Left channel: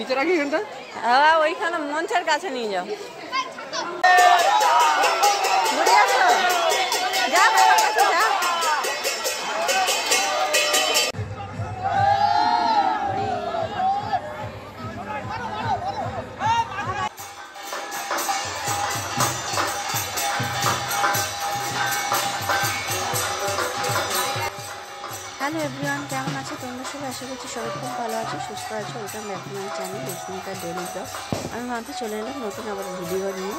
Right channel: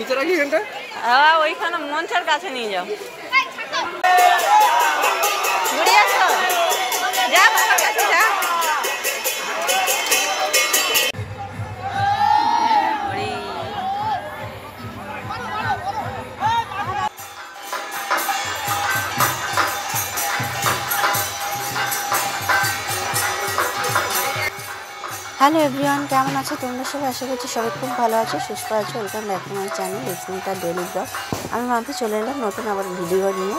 নিচে রাখি এখানটা। হ্যাঁ ওইখানে মঞ্চের কাছে নিয়ে যাও। ঘুরে আসো, যা বাবার কাছে যা। হ্যালো এভরিওয়ান, কেমন আছো তোমরা সবাই? আশা করছি সবাই খুব ভালো আছো, সুস্থ আছো। Welcome back to my channel Rismita daily vlog. আমি মাম্পি চলে এলাম নতুন আবার ভিডিও নিয়ে।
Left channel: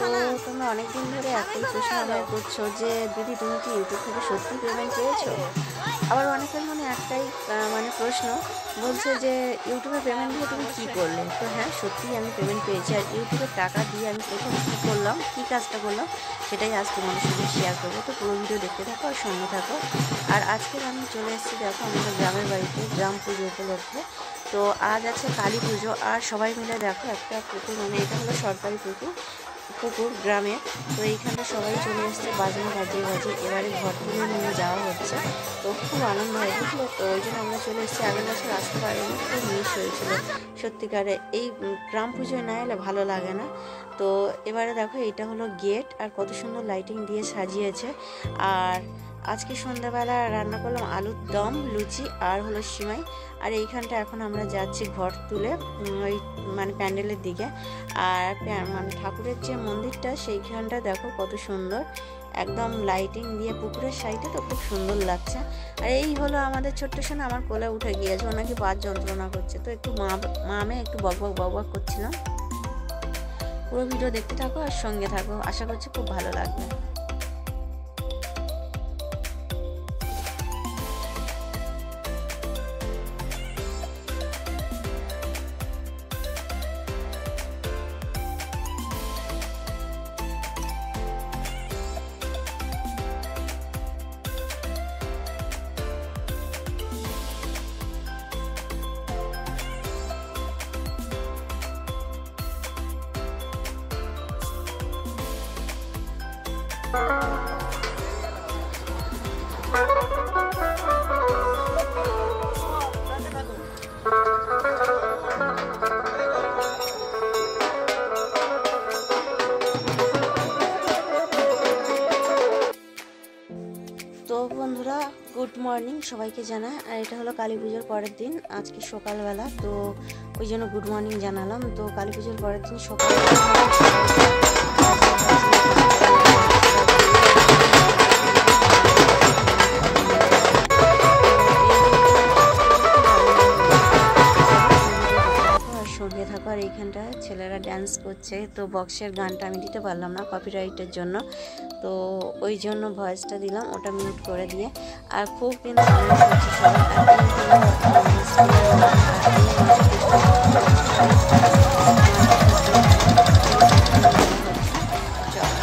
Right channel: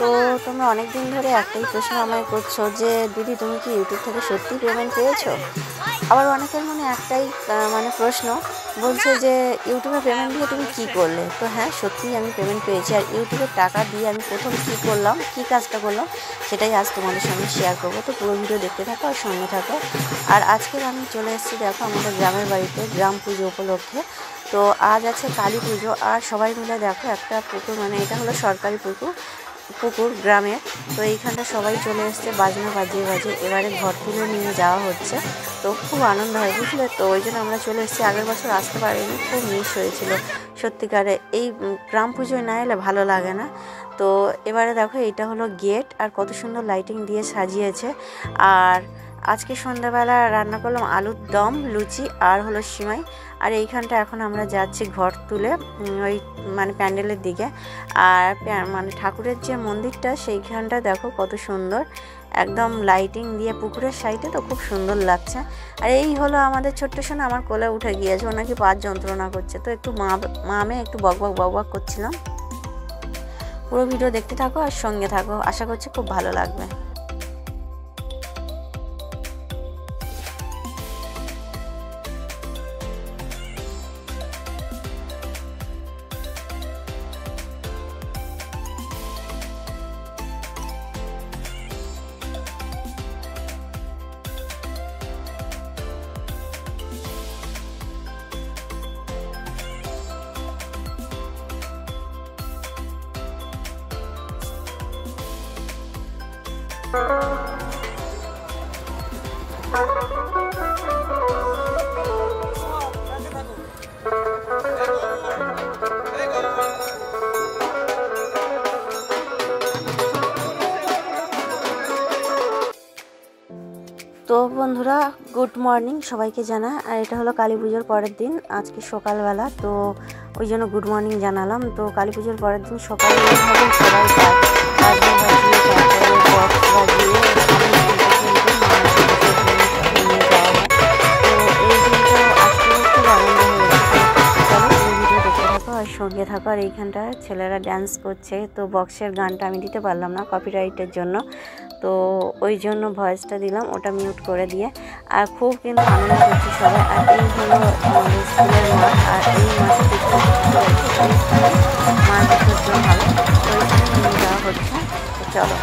তো তোমরা অনেক দিন ধরে একটাই প্রশ্ন আমায় করছো যে দিদি তুমি কি ইউটিউব থেকে সত্যি পেমেন্ট পেয়েছো? আবার অনেকের মনে একটাই মানে প্রশ্ন, বলছে যে ইউটিউবে পেমেন্ট দিয়ে তুমি কী করলে? তো হ্যাঁ, সত্যিই আমি পেমেন্ট পেয়েছি। আর ইউটিউবের টাকা দিয়ে আমি প্রথম কী করলাম, কী কাজটা করলাম, সেটাই আজ তোমাদের সঙ্গে শেয়ার করবো। তো পুরো ভিডিও দেখতে থাকো আর সঙ্গে থাকো। আর আজকের আমি চলে এসেছি দেখো আমাদের গ্রামের বাড়িতে গ্রাম পুজো উপলক্ষে। তো আজ আছে কালী পুজো, আর সবাই মিলে দেখো একটা পুকুর, মানে এটা হলো সরকারি পুকুর গ্রামের। তো এইখানটা সবাই চলে এসছে বাজনা বাজিয়ে বাজিয়ে, এবারে ঘর তুলে নিয়ে যাওয়া হচ্ছে। তো খুব আনন্দ হয় বুঝলে। তো ওই জন্য আমরা চলে এসেছি, আগের বছর আসতে পারিনি, খুব মিস হয়েছিল সত্যিকারে। এই গ্রাম পুজোয় না এলে ভালো লাগে না। তো এবারে দেখো এইটা হলো গেট, আর কত সুন্দর লাইটিং দিয়ে সাজিয়েছে। আর আজকে সন্ধ্যাবেলা রান্না করলাম আলুর দম, লুচি আর হলো সিমাই। আর এইখানটা এখন আমরা যাচ্ছি ঘর তুলে ওই মানে প্যান্ডেলের দিকে। আর মানে ঠাকুরের যে মন্দিরটা সেইখানটা দেখো কত সুন্দর, একদম লাইটিং দিয়ে পুকুরের সাইডে, তো খুব সুন্দর লাগছে। আর এই হলো আমাদের ছোট্ট সোনা, আমার কোলে উঠে গিয়েছে, ও নাকি পা যন্ত্রণা করছে। তো একটু মামে একটু বক করছিলাম। পুরো ভিডিও দেখতে থাকো আর সঙ্গে থাকো, আশা করছি খুব ভালো লাগবে। তো বন্ধুরা, গুড মর্নিং সবাইকে জানা। আর এটা হলো কালী পুজোর পরের দিন, আজকে সকালবেলা, তো ওই জন্য গুড মর্নিং জানালাম। তো কালী পুজোর পরের দিন সকালবেলা সবাই সঙ্গে থাকো। আর এইখানটা ছেলেরা ড্যান্স করছে। তো বক্সের গানটা আমি দিতে পারলাম না কপিরাইটের জন্য, তো ওই জন্য ভয়েসটা দিলাম, ওটা মিউট করে দিয়ে। আর খুব কিন্তু আনন্দ করছি সবাই। আর এই হলো স্কুলের মাঠ, আর এই মাঠে মাঠ নিয়ে যাওয়া হচ্ছে। চলো।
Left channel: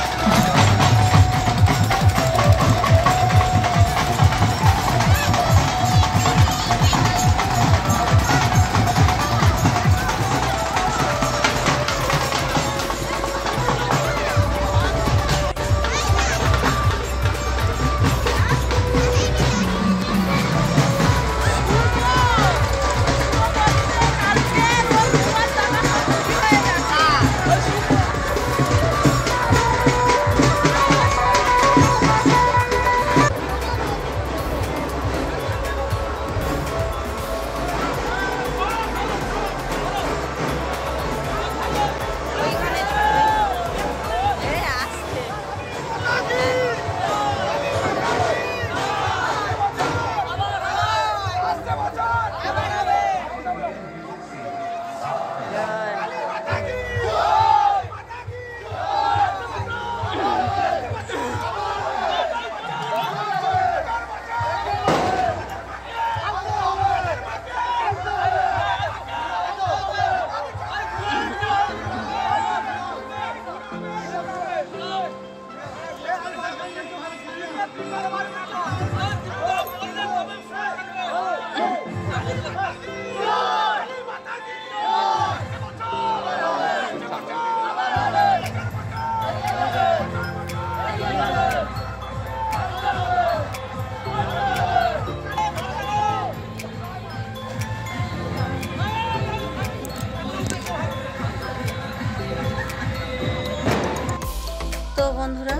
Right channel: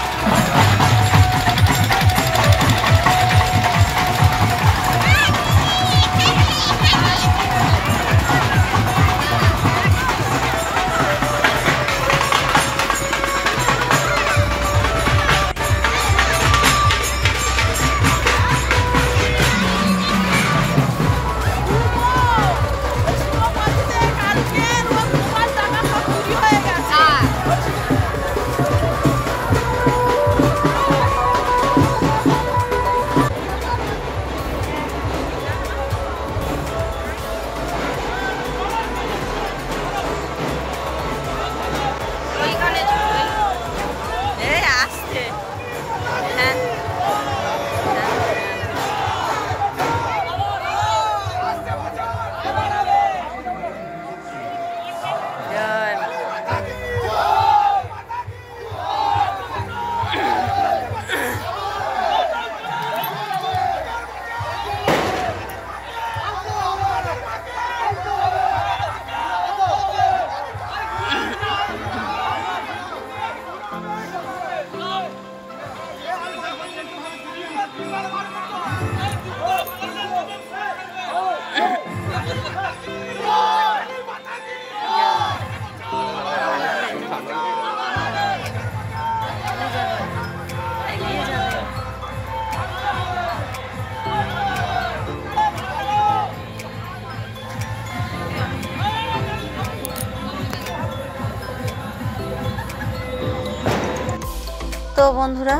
তো বন্ধুরা,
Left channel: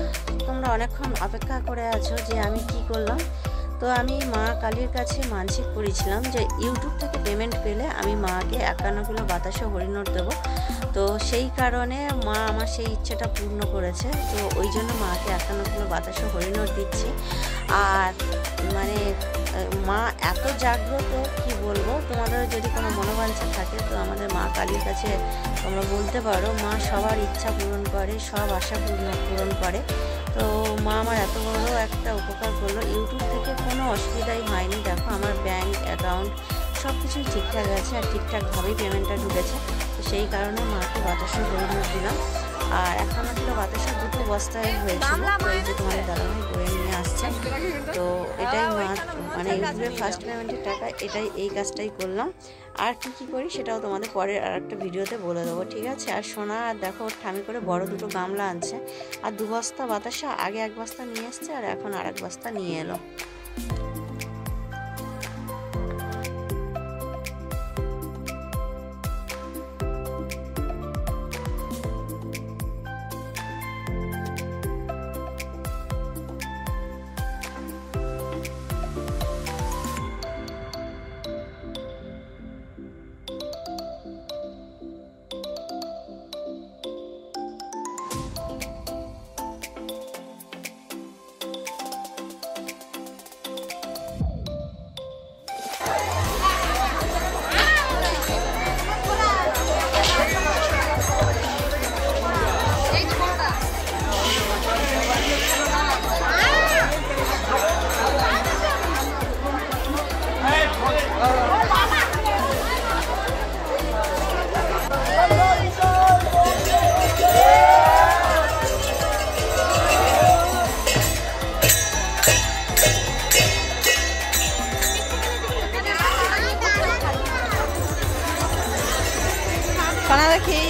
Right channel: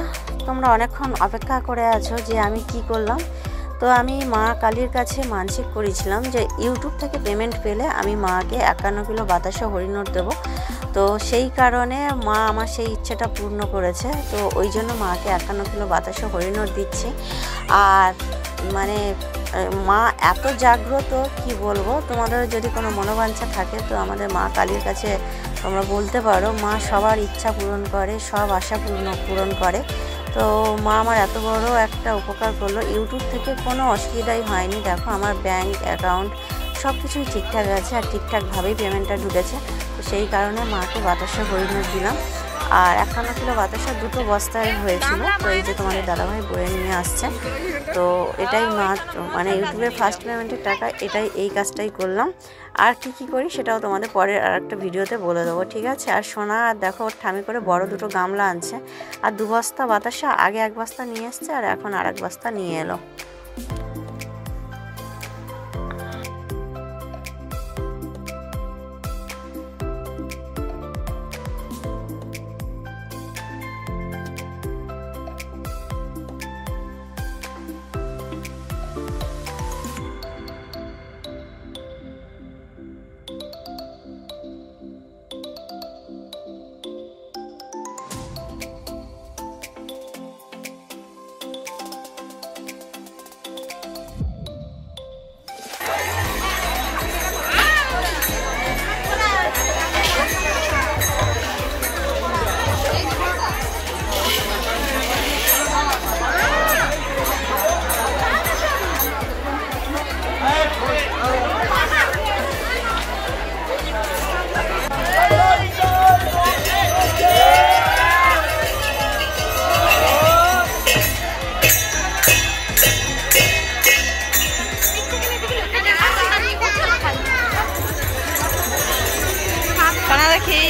তোমরা অনেকক্ষণ অপেক্ষা করে আছো যে আমি কি করলাম। তো আমি মা কালীর কাছে মানসিক করেছিলাম যে ইউটিউব থেকে পেমেন্ট পেলে আমি মাকে 51 কিলো বাতাসা হরিনোট দেবো। তো সেই কারণে মা আমার সেই ইচ্ছেটা পূর্ণ করেছে। তো ওই জন্য মাকে 51 কিলো বাতাসা হরিনোট দিচ্ছি। আর মানে মা এত জাগ্রত, কি বলবো। তোমাদের যদি কোনো মনোবাঞ্ছা থাকে তো আমাদের মা কালীর কাছে তোমরা বলতে পারো। মা সবার ইচ্ছা পূরণ করে, সব আশা পূরণ করে। তো মা আমার এত বড় একটা উপকার করলো, ইউটিউব থেকে কোনো অসুবিধাই হয়নি। দেখো আমার ব্যাংক অ্যাকাউন্ট সব কিছুই ঠিকঠাক আছে আর ঠিকঠাকভাবেই পেমেন্টটা ঢুকেছে। তো সেই কারণে মাকে বাতাসা হরিনোট দিলাম। আর 51 কিলো বাতাসা 2 বস্তায় হয়েছিল। তো এই যে তোমাদের দাদাভাই বয়ে নিয়ে আসছে। তো এটাই মা মানে ইউটিউবের ফার্স্ট পেমেন্টের টাকা, এই কাজটাই করলাম। আর কি করি সেটাও তোমাদের পরের আর একটা ভিডিওতে বলে দেবো, ঠিক আছে। আর সোনা আর দেখো ওর ঠামি করে বড় 2 গামলা আনছে। আর 2 বস্তা বাতাসা, আগে 1 বস্তা নিয়ে এসছে আর এখন আর 1 বস্তা নিয়ে এলো। দেখি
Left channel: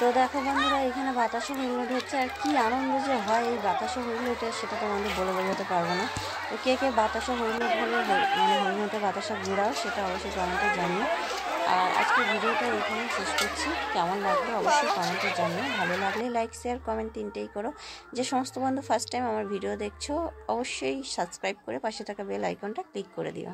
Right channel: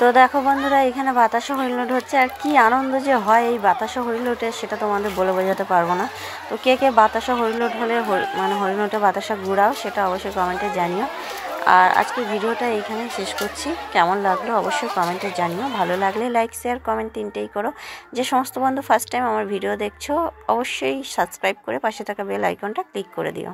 তো দেখো বন্ধুরা, এখানে বাতাসা হরিলোট হচ্ছে। আর কি আনন্দ যে হয় এই বাতাসা হরিলোটে, সেটা তোমাদের বলে বোঝাতে পারবো না। তো কে বাতাসা হরিলোট হলে মানে হরিলোটে বাতাসা ঘুরাও, সেটা অবশ্যই কমেন্টে জানিও। আর আজকের ভিডিওটা এইখানেই শেষ করছি। কেমন লাগলো অবশ্যই কমেন্টে জানিও। ভালো লাগলে লাইক শেয়ার কমেন্ট 3টেই করো। যে সমস্ত বন্ধু ফার্স্ট টাইম আমার ভিডিও দেখছো অবশ্যই সাবস্ক্রাইব করে পাশে থাকা বেল আইকনটা ক্লিক করে দিও।